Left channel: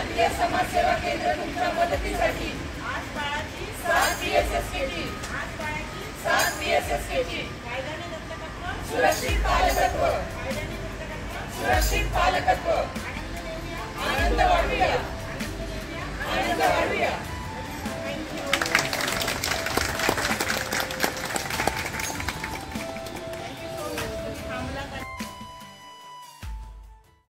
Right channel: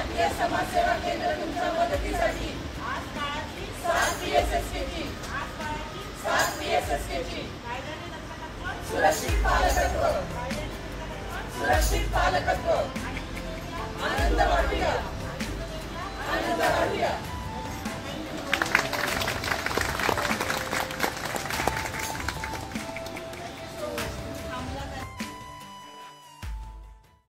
भारतीय समाज सेवा केंद्र तुमच्या मदतीसाठी. आज बाळाची 7 PSSK ची. आज बाळाची 7 PSSK ची. कायद्याने दत्तकत्व सुरक्षित पालकत्व. कायद्याने दत्तकत्व सुरक्षित पालकत्व. आनंद देऊया आनंद वाढूया. आनंद देऊया आनंद वाढूया.